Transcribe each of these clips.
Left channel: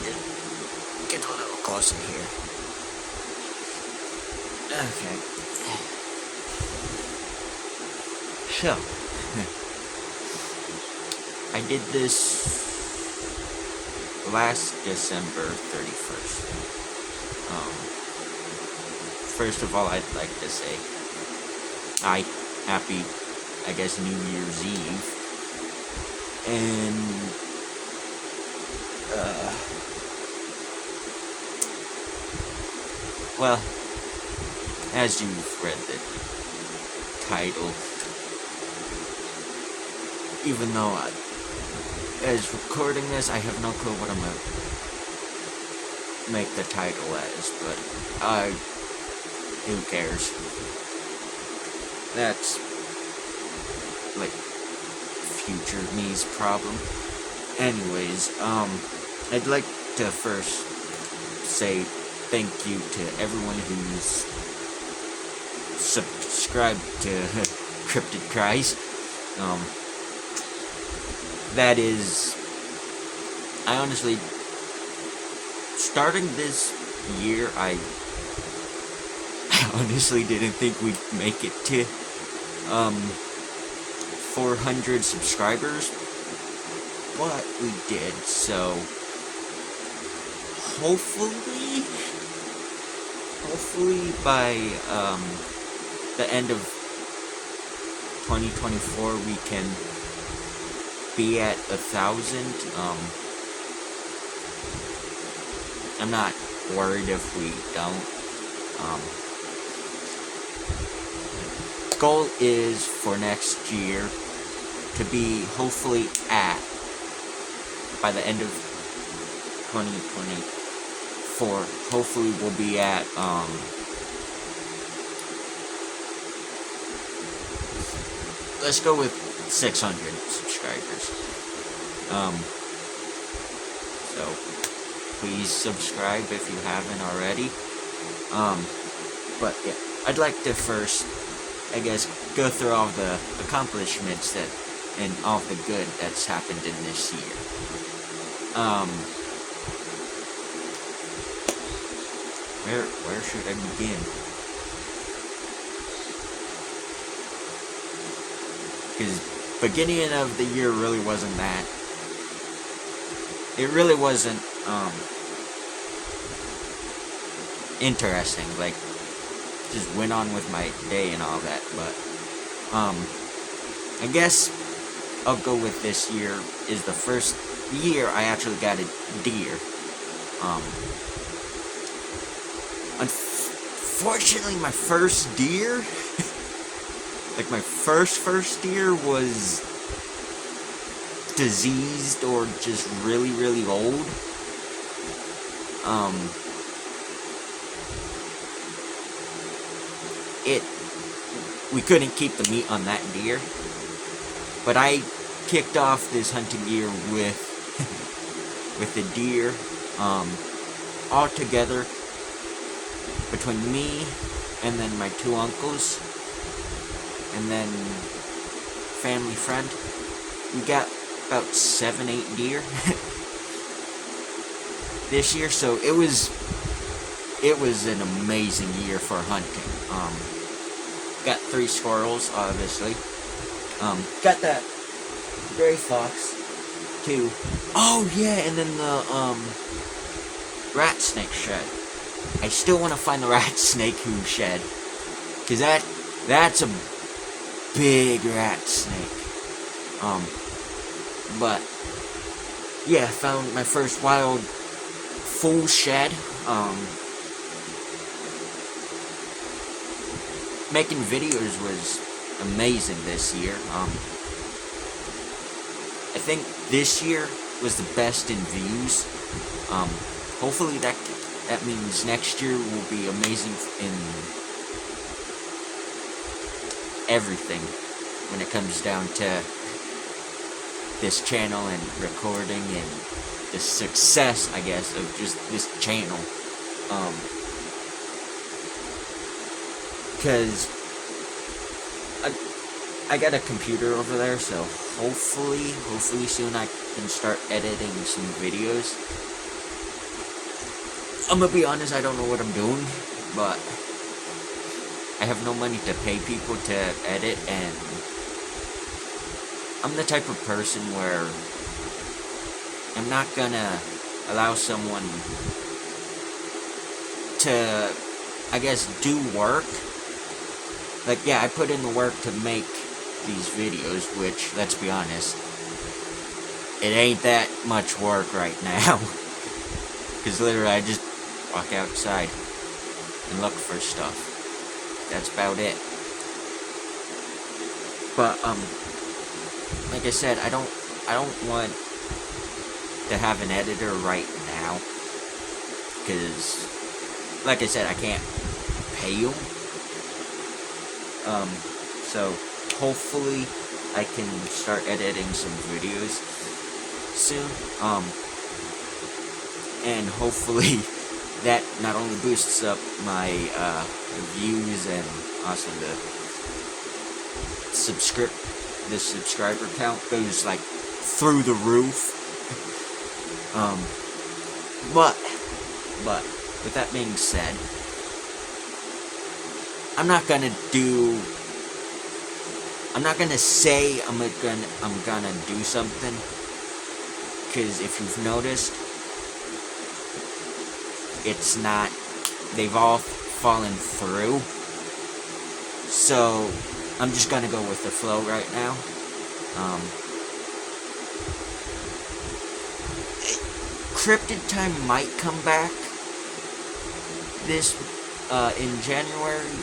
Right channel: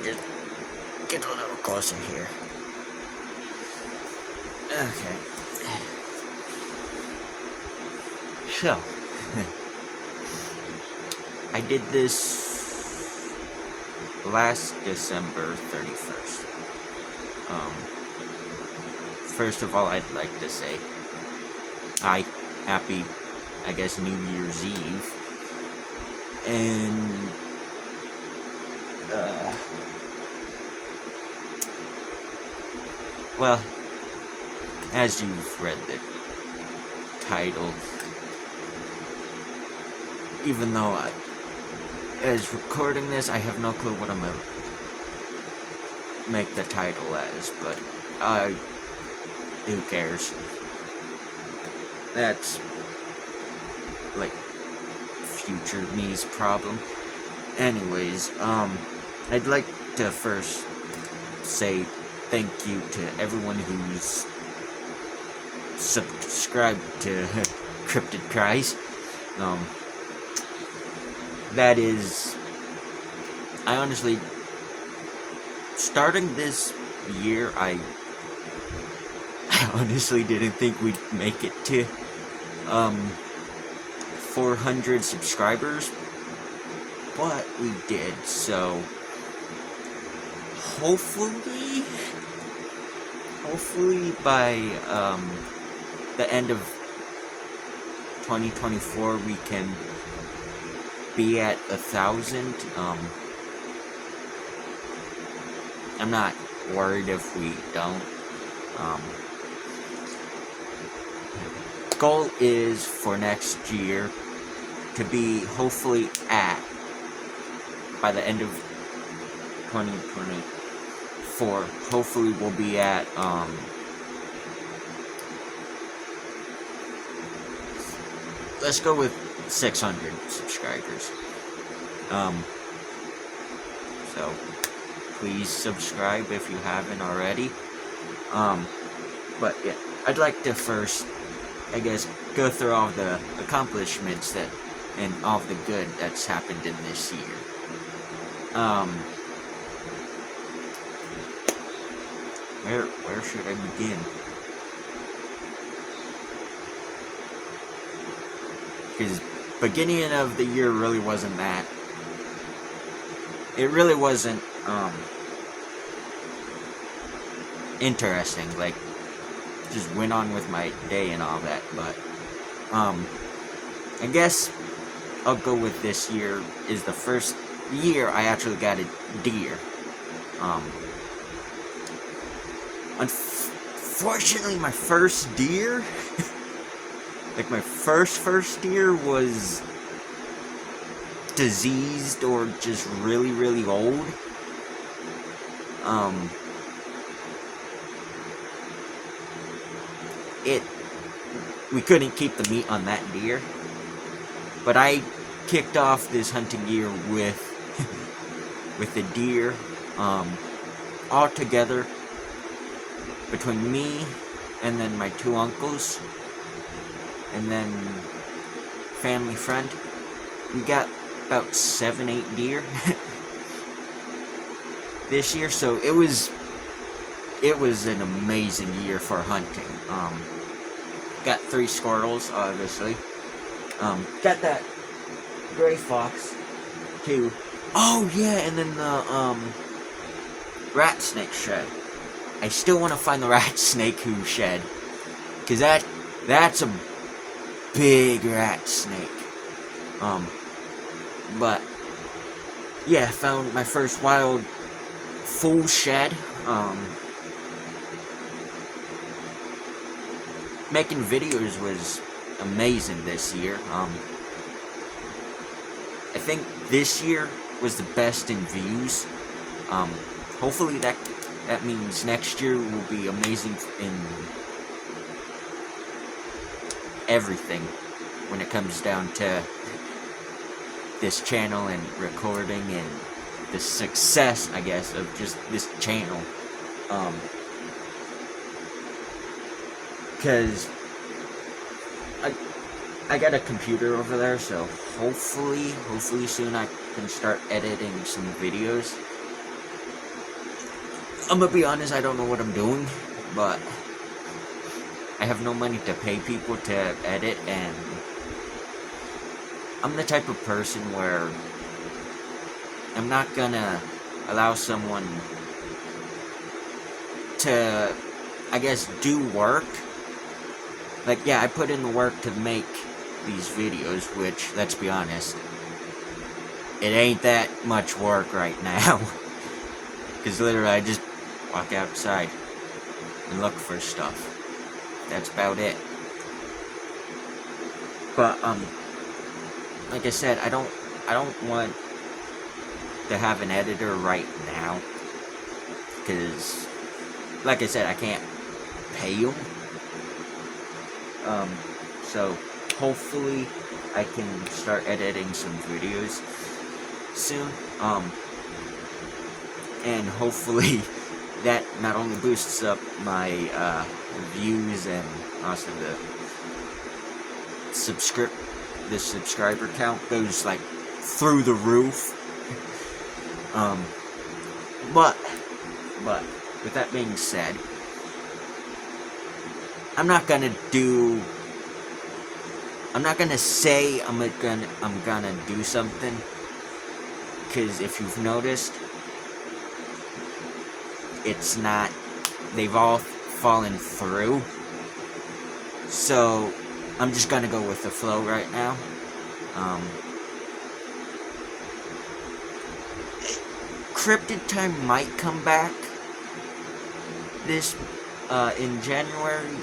me to get a little closer here. Okay. So, I did this last December 31st. First of all, I'd like to say, happy, I guess, New Year's Eve. And, well, as you've read the title, even though as recording this, I have no clue what I'm gonna make the title as, but who cares? That's like future me's problem. Anyways, I'd like to first say thank you to everyone who's subscribed to Cryptid Cries. That is, I honestly, starting this year, I honestly didn't think we'd make it to 400 subscribers, but we did. So hopefully by the end of 2024 we can be at 1,000. I'm not worried if we don't. Goal is for next year to be hopefully at, by the end of 2024, hopefully we'll be at, let's go with 600 subscribers. So please subscribe if you haven't already. But yeah, I'd like to first, I guess, go through all the accomplishments that and all the good that's happened in this year. Where should I begin? Because beginning of the year really wasn't that. It really wasn't interesting. Like, just went on with my day and all that. But I guess I'll go with this year is the first year I actually got a deer. Unfortunately, my first deer, like my first deer was diseased or just really old. We couldn't keep the meat on that deer, but I kicked off this hunting year with a deer, all together, between me and then my two uncles and then family friend, we got about 7-8 deer this year. So it was an amazing year for hunting. Got 3 squirrels, obviously. Got that gray fox too. Oh yeah, and then the rat snake shed. I still want to find the rat snake who shed, cause that's a big rat snake. But yeah, I found my first wild full shed. Making videos was amazing this year. I think this year was the best in views. Hopefully that means next year will be amazing in everything when it comes down to this channel and recording and the success, I guess, of just this channel. Because I got a computer over there, so hopefully soon I can start editing some videos. I'm gonna be honest, I don't know what I'm doing, but I have no money to pay people to edit, and I'm the type of person where I'm not gonna allow someone to, I guess, do work. Like, yeah, I put in the work to make these videos, which, let's be honest, it ain't that much work right now. Because literally, I just walk outside and look for stuff. That's about it. But, like I said, I don't want to have an editor right now. Because, like I said, I can't pay you. So hopefully I can start editing some videos soon. And hopefully that not only boosts up my views and also the subscriber count goes like through the roof. But with that being said, I'm not gonna say I'm gonna do something, because if you've noticed, it's not, they've all fallen through, so I'm just gonna go with the flow right now. Cryptid Time might come back this in January,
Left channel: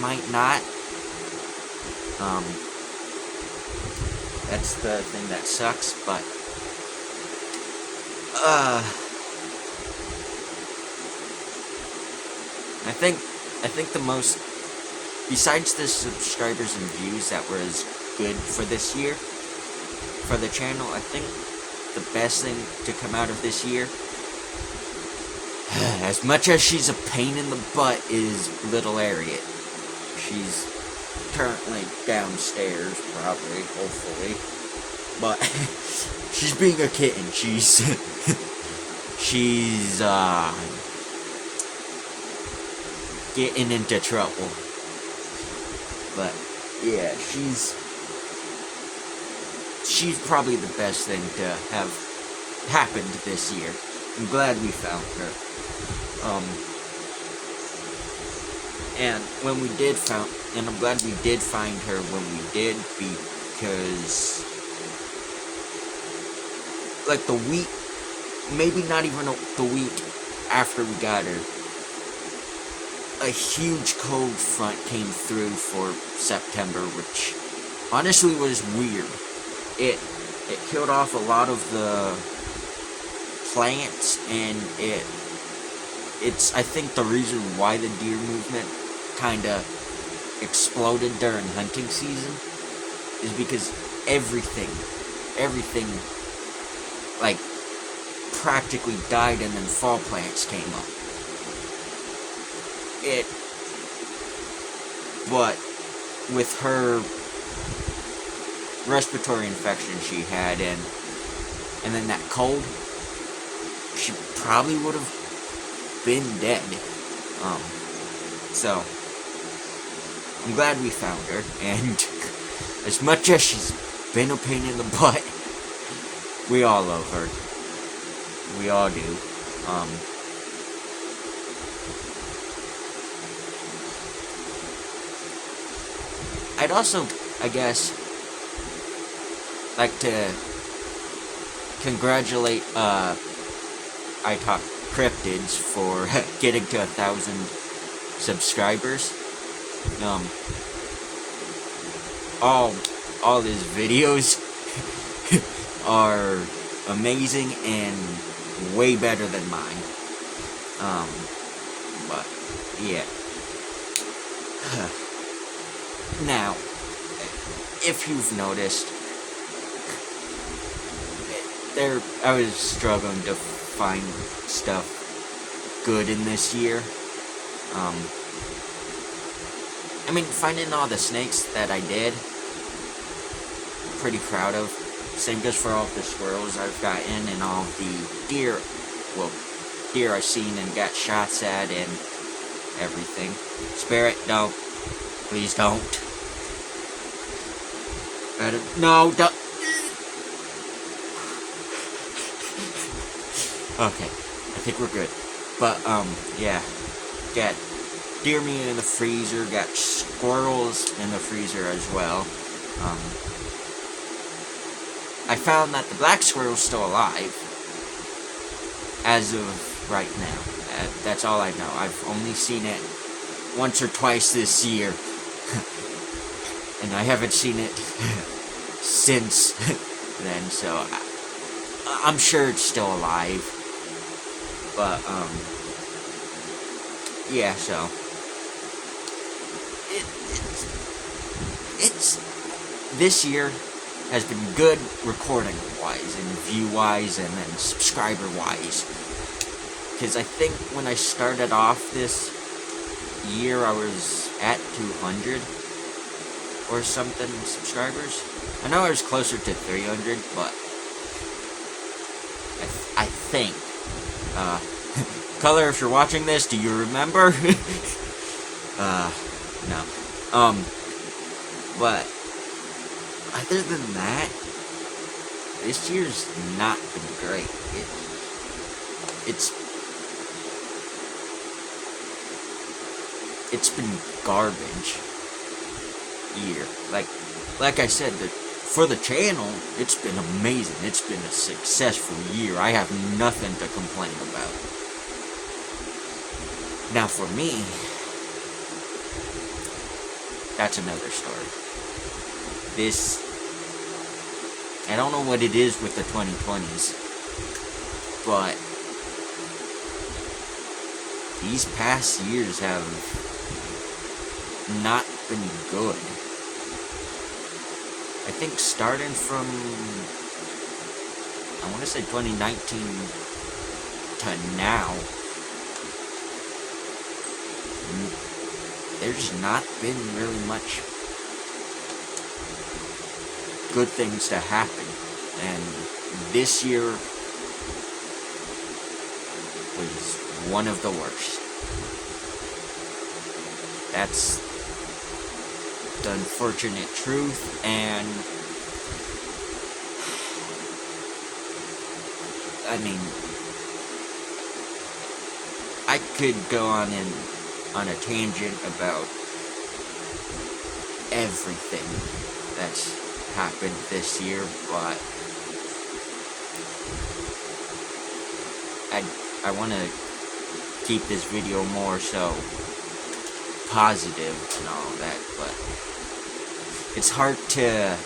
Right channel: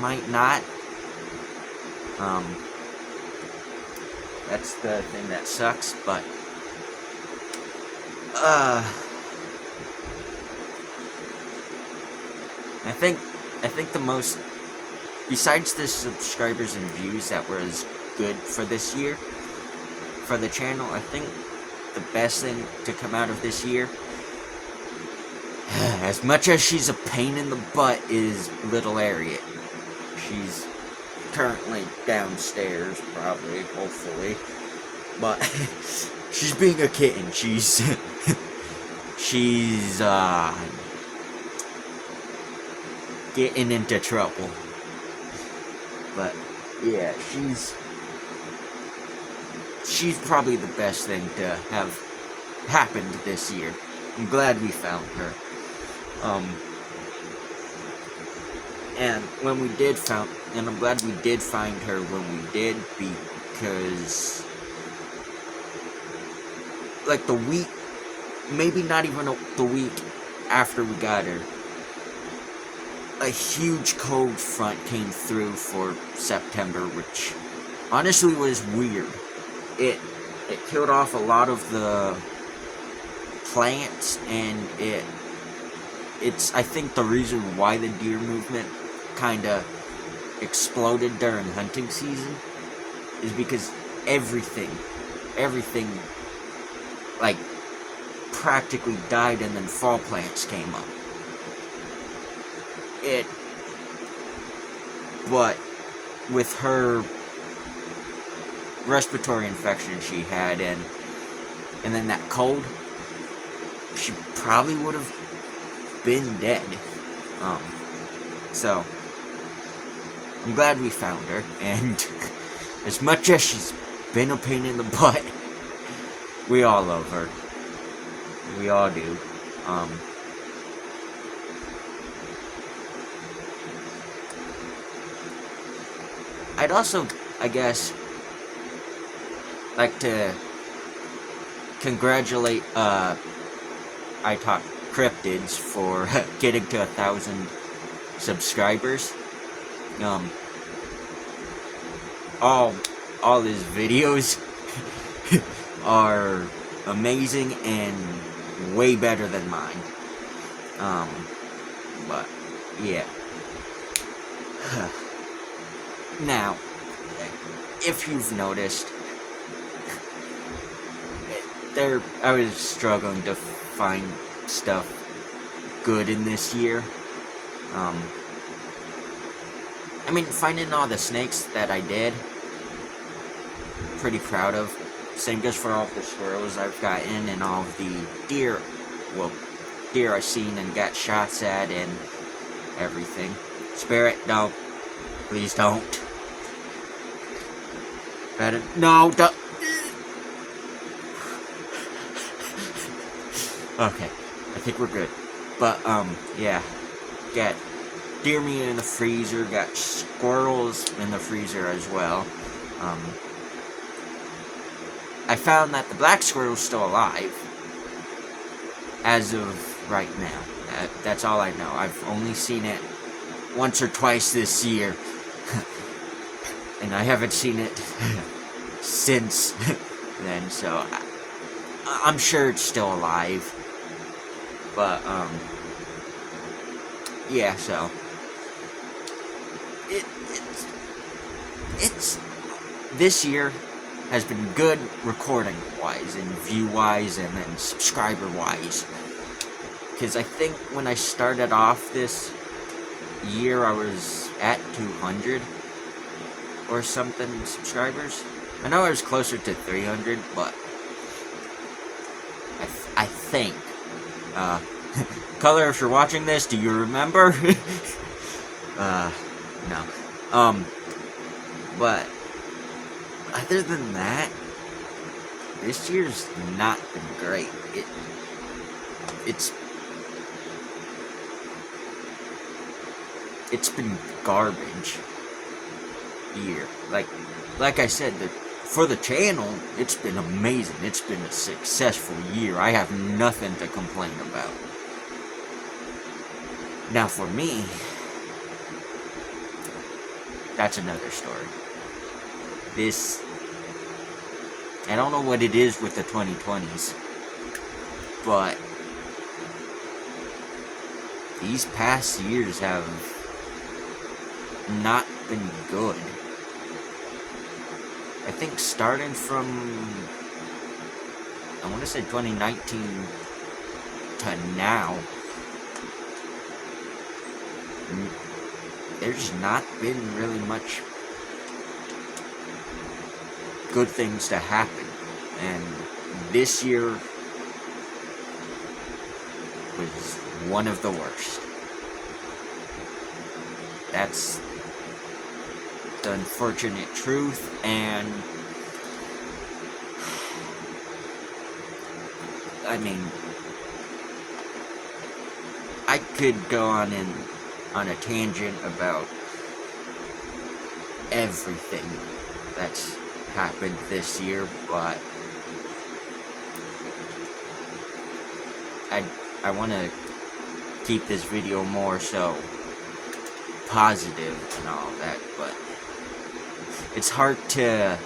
might not. That's the thing that sucks, but I think the most, besides the subscribers and views that were as good for this year for the channel, I think the best thing to come out of this year, as much as she's a pain in the butt, is Little Harriet. She's currently downstairs, probably, hopefully, but she's being a kitten. She's getting into trouble. But yeah, she's probably the best thing to have happened this year. I'm glad we found her. And when we did and I'm glad we did find her when we did, because like the week, maybe not even the week after we got her, a huge cold front came through for September, which honestly was weird. It killed off a lot of the plants, and it's I think the reason why the deer movement kinda exploded during hunting season is because everything like practically died, and then fall plants came up. But with her respiratory infection she had, and then that cold, she probably would have been dead. So I'm glad we found her, and as much as she's been a pain in the butt, we all love her. We all do. I'd also, I guess, like to congratulate iTalkCryptids for getting to 1,000 subscribers. All his videos are amazing and way better than mine. But yeah. Now, if you've noticed, I was struggling to find stuff good in this year. I mean, finding all the snakes that I did, pretty proud of. Same goes for all the squirrels I've gotten, and all the deer, well, deer I've seen and got shots at and everything. Spare it, no. Please don't. No, don't. Okay, I think we're good. But, yeah. Got deer meat in the freezer, got squirrels in the freezer as well. I found that the black squirrel's still alive. As of right now. That's all I know. I've only seen it once or twice this year. And I haven't seen it since then, so I'm sure it's still alive. But, yeah, so it's this year has been good recording wise and view wise and then subscriber wise, because I think when I started off this year I was at 200 or something subscribers. I know I was closer to 300, but I think Color, if you're watching this, do you remember? No. But other than that, this year's not been great. It's been garbage year. Like I said, for the channel, it's been amazing. It's been a successful year. I have nothing to complain about. Now for me, that's another story. I don't know what it is with the 2020s, but these past years have not been good. I think starting from, I want to say 2019 to now, there's not been really much good things to happen, and this year was one of the worst. That's the unfortunate truth, and I mean, I could go on a tangent about everything that's happened this year, but I want to keep this video more so positive and all that, but it's hard to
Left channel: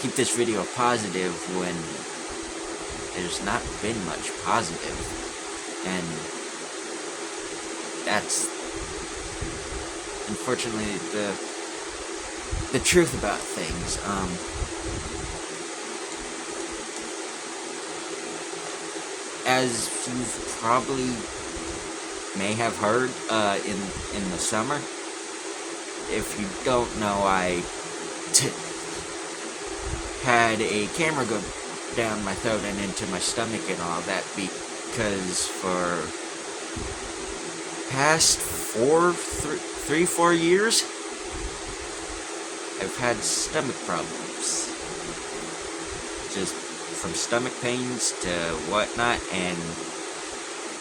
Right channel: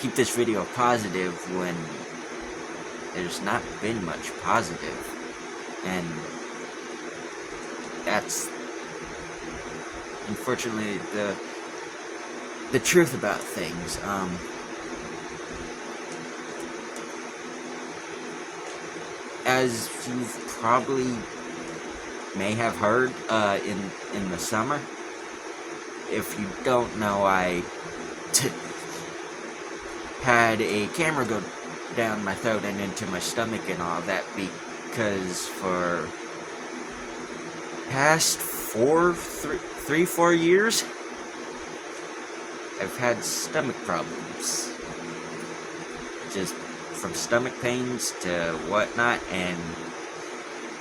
keep this video positive when there's not been much positive, and that's unfortunately the truth about things. As you've probably may have heard in the summer, if you don't know, I had a camera go down my throat and into my stomach and all that, because for past 4 years I've had stomach problems, just from stomach pains to whatnot, and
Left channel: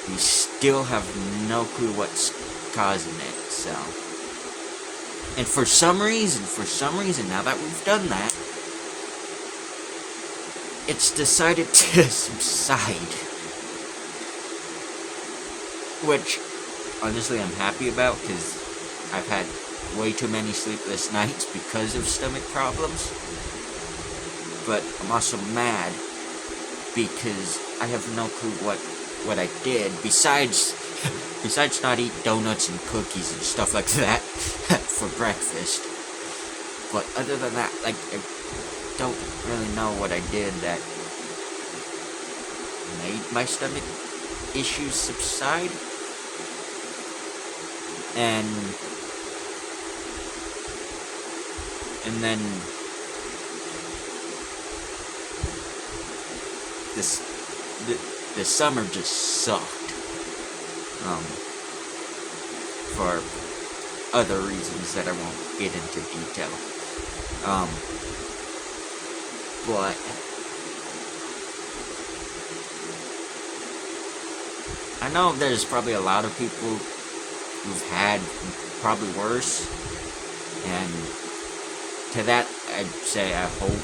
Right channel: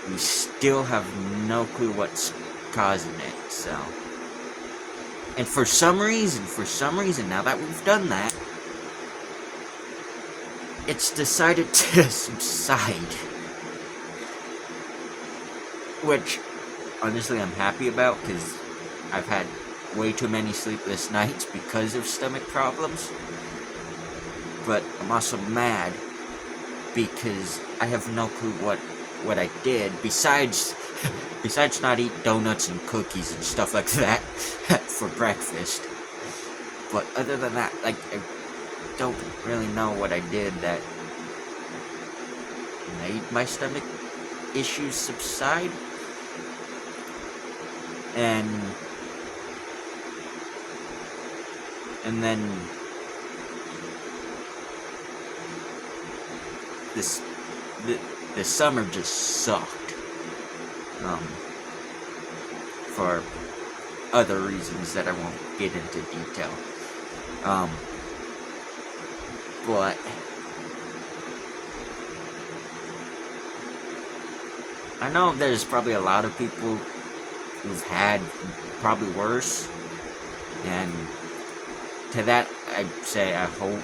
we still have no clue what's causing it. So, and for some reason, now that we've done that, it's decided to subside, which honestly I'm happy about, because I've had way too many sleepless nights because of stomach problems. But I'm also mad because I have no clue what I did besides not eat donuts and cookies and stuff like that for breakfast. But other than that, like, I don't really know what I did that made my stomach issues subside. And then the summer just sucked. for other reasons that I won't get into detail. But I know there's probably a lot of people who've had probably worse, and to that I'd say I hope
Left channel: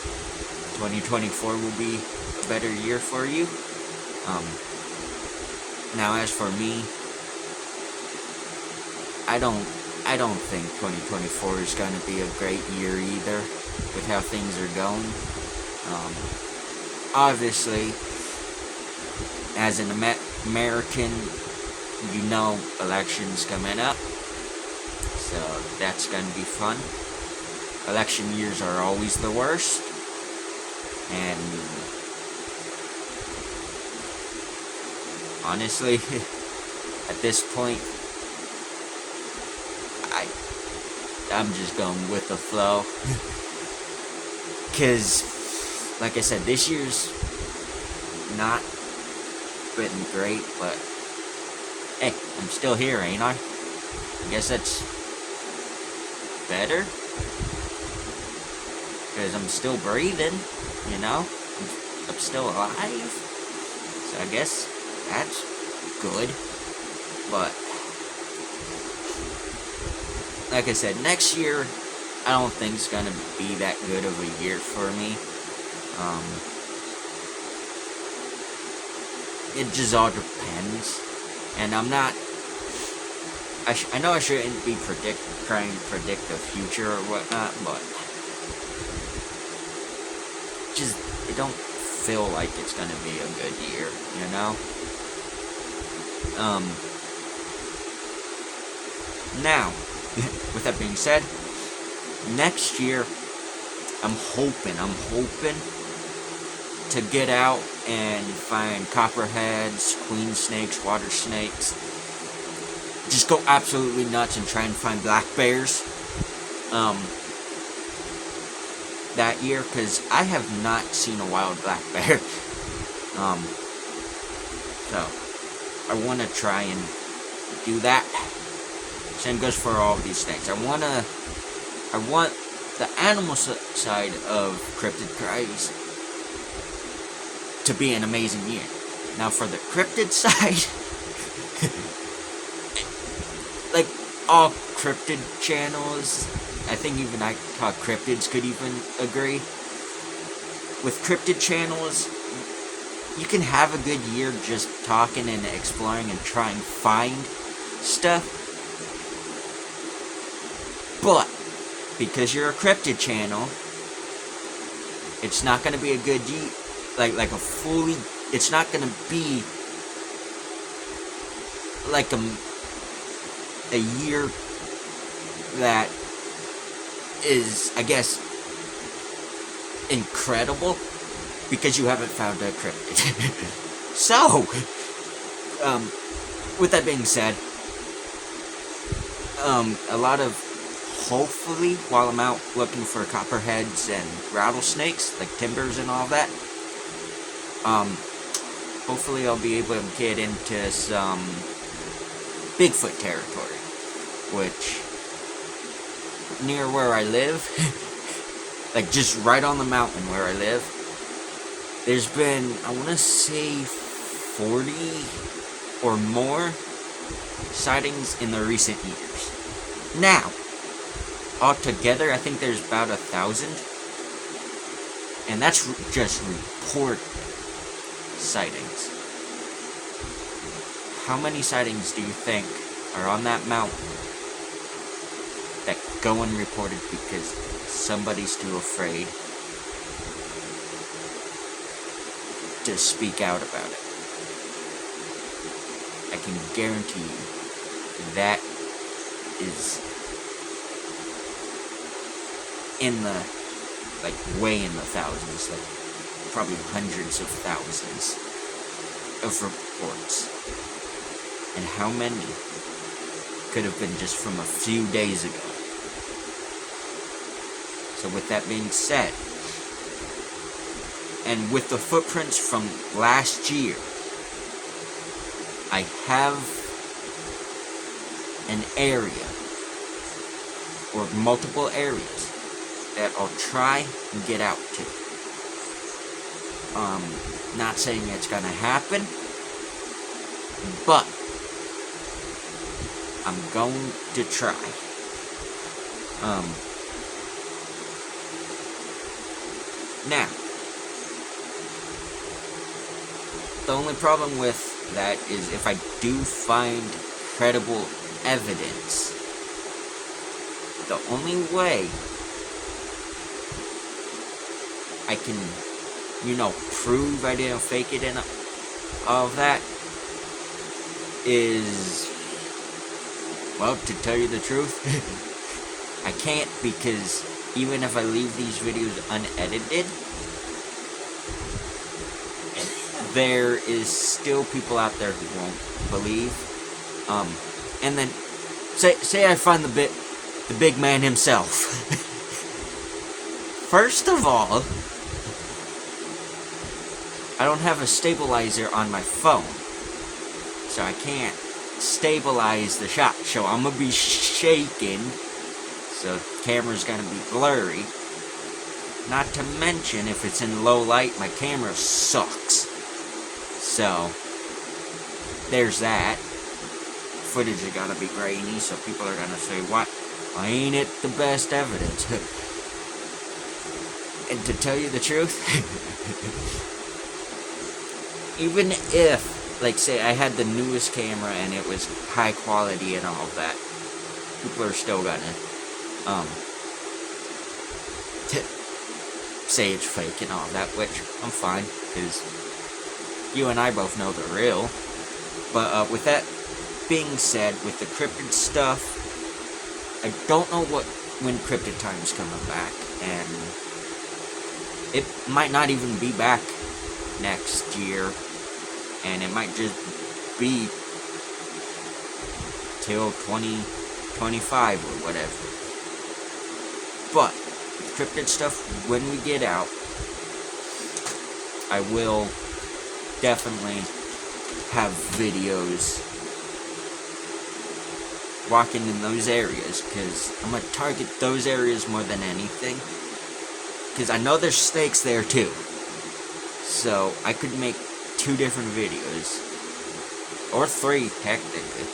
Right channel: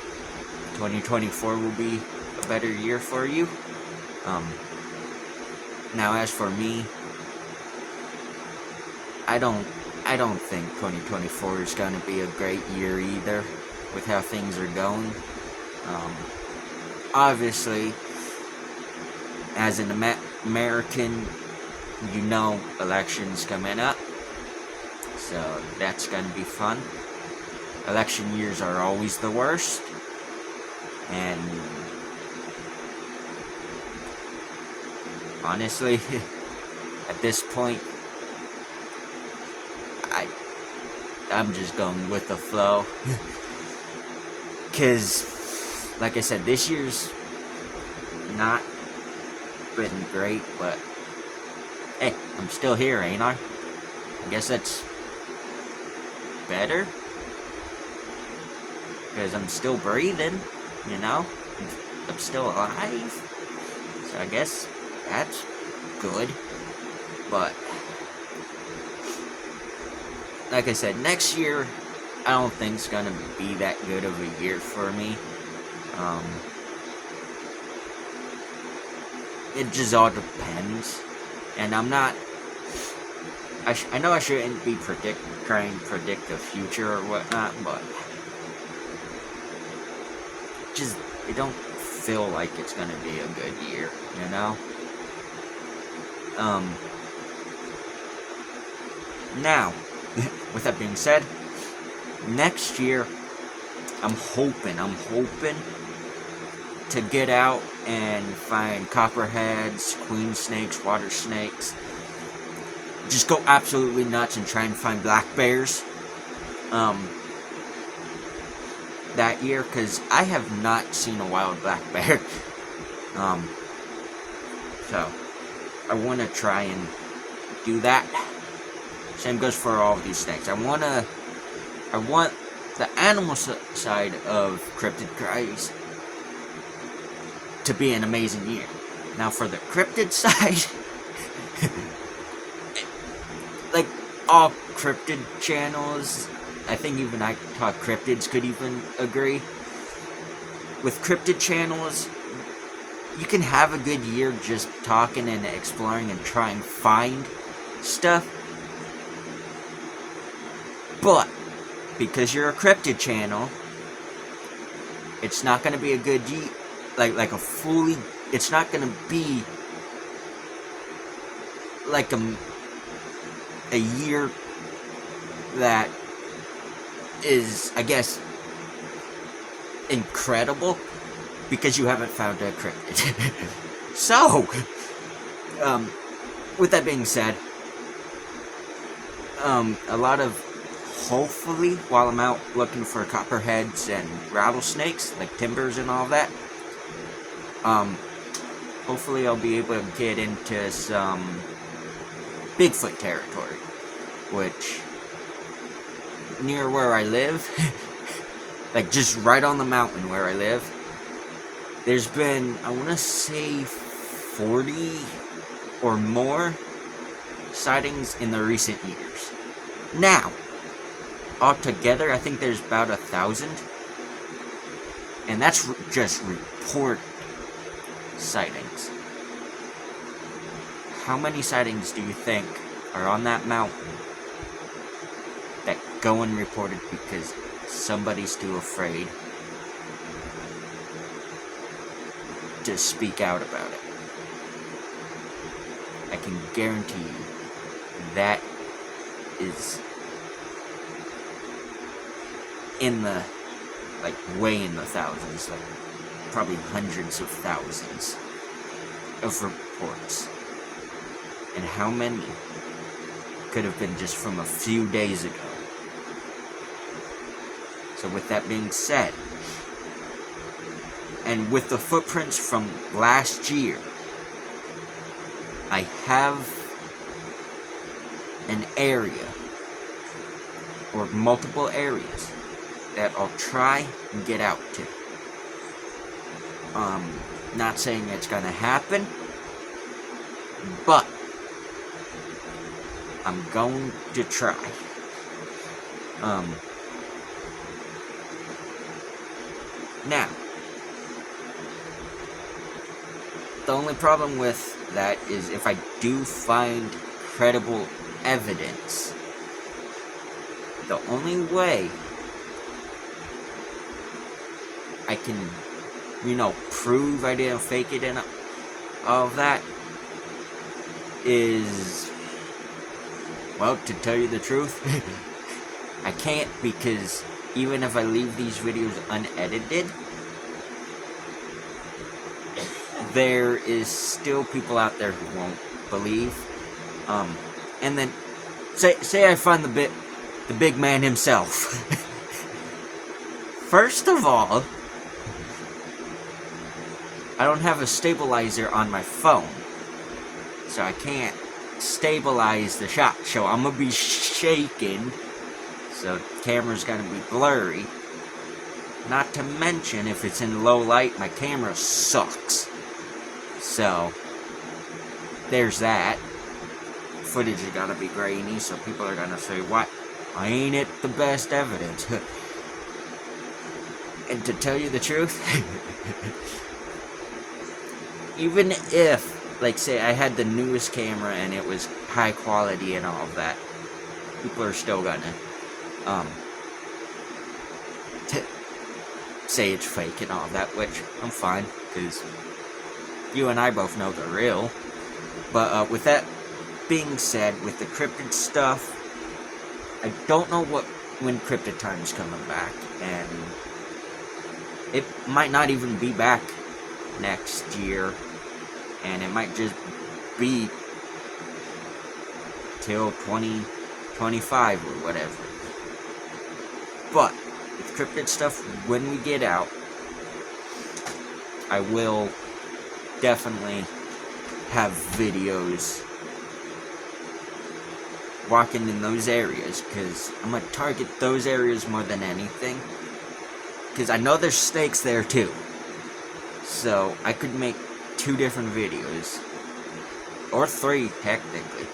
2024 will be a better year for you. Now as for me, I don't think 2024 is going to be a great year either, with how things are going. Obviously, as an American, you know elections coming up, so that's going to be fun. Election years are always the worst, and honestly, at this point, I'm just going with the flow. Because, like I said, this year's not been great, but hey, I'm still here, ain't I? I guess that's better. Because I'm still breathing, you know? I'm still alive. So I guess that's good. But like I said, next year, I don't think it's going to be that good of a year for me. It just all depends. And I'm not... I know I shouldn't be trying to predict the future or whatnot, but it don't feel like it's going to be a good year, you know? Now, with that being said, next year, I'm hoping to get out and find copperheads, queen snakes, water snakes. Just go absolutely nuts and try and find black bears. That year, because I have not seen a wild black bear. So, I want to try and do that. Same goes for all of these things. I want the animal side of Cryptid Cries to be an amazing year. Now for the cryptid side, like all cryptid channels, I think even I thought cryptids could even agree. With cryptid channels, you can have a good year just talking and exploring and trying to find stuff. But, because you're a cryptid channel, it's not going to be a good it's not going to be like a year that is, I guess, incredible, because you haven't found a cryptid. So, with that being said, a lot of, hopefully, while I'm out looking for copperheads and rattlesnakes, like timbers and all that, hopefully I'll be able to get into some Bigfoot territory, which, near where I live, like just right on the mountain where I live, there's been, I want to say, 40 or more sightings in the recent years. Now, altogether, I think there's about 1,000, and that's just report sightings. How many sightings do you think are on that mountain that go unreported because somebody's too afraid to speak out about it? I can guarantee you that is in the, like, way in the thousands, like, probably hundreds of thousands of reports. And how many could have been just from a few days ago? So with that being said, and with the footprints from last year, I have an area or multiple areas that I'll try and get out to. Not saying it's gonna happen, but I'm going to try. Now, the only problem with that is if I do find credible evidence, the only way I can, prove I didn't fake it and all of that is, well, to tell you the truth, I can't, because even if I leave these videos unedited, there is still people out there who won't believe. And then say I find the big man himself. First of all, I don't have a stabilizer on my phone, so I can't stabilize the shot. So I'm gonna be shaking, so the camera's gonna be blurry. Not to mention, if it's in low light, my camera sucks. So there's that. Footage is gonna be grainy, so people are gonna say, "What? Ain't it the best evidence?" And to tell you the truth, even if, like, say I had the newest camera and it was high quality and all of that, people are still gonna say it's fake and all that, which I'm fine, because you and I both know they're real. But with that being said, with the cryptid stuff, I don't know when Cryptid Time's coming back, and it might not even be back next year, and it might just be till 2025 or whatever. But with cryptid stuff, when we get out, I will definitely have videos walking in those areas, because I'm going to target those areas more than anything, because I know there's snakes there too, so I could make 2 different videos, or 3 technically,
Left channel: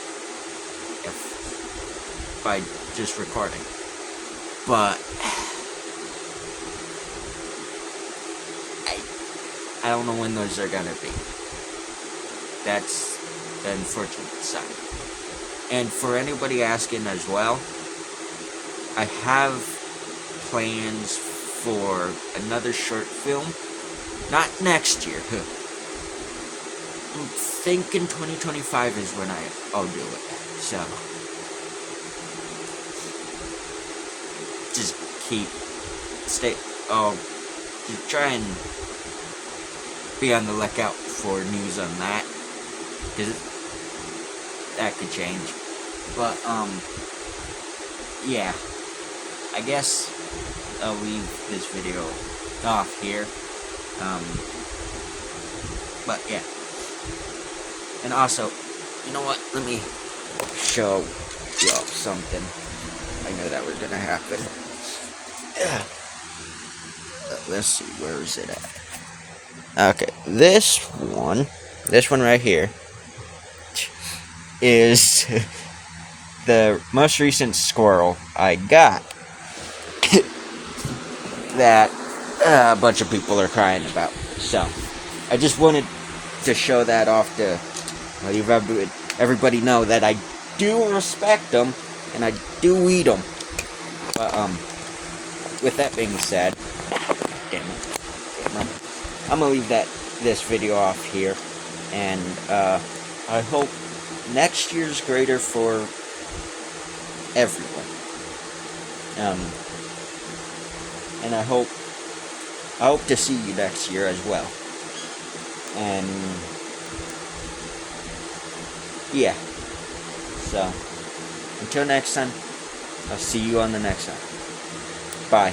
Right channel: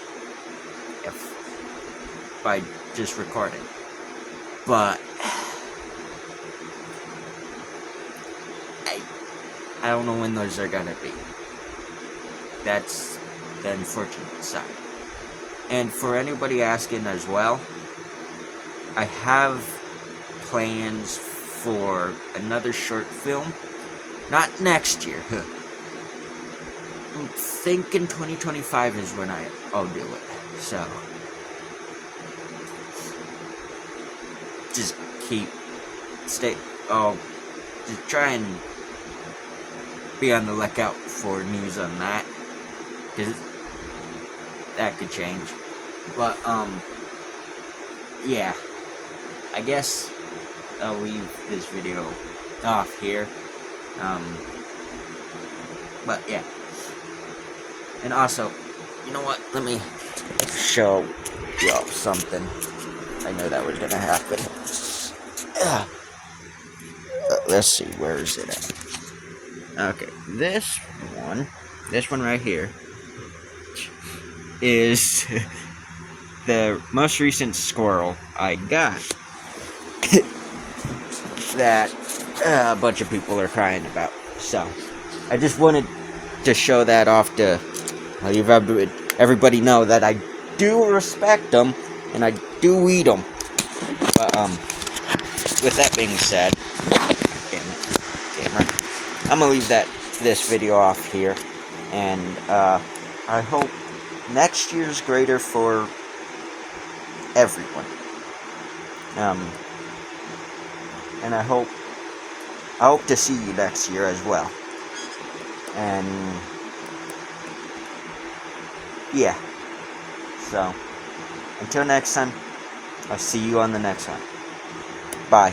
if I just recorded, but I don't know when those are gonna be. That's the unfortunate side. And for anybody asking as well, I have plans for another short film. Not next year. I'm thinking 2025 is when I'll do it. So, just just try and be on the lookout for news on that, because that could change. But, yeah, I guess I'll leave this video off here. But yeah, and also, you know what, let me show you all something. I knew that was gonna happen. Let's see, where is it? Okay, this one right here is the most recent squirrel I got that a bunch of people are crying about. So, I just wanted to show that off to everybody know that I do respect them and I do eat them. But, with that being said, I'm gonna leave this video off here, and I hope next year's greater for everyone. And I hope to see you next year as well. And yeah. So until next time, I'll see you on the next one. Bye.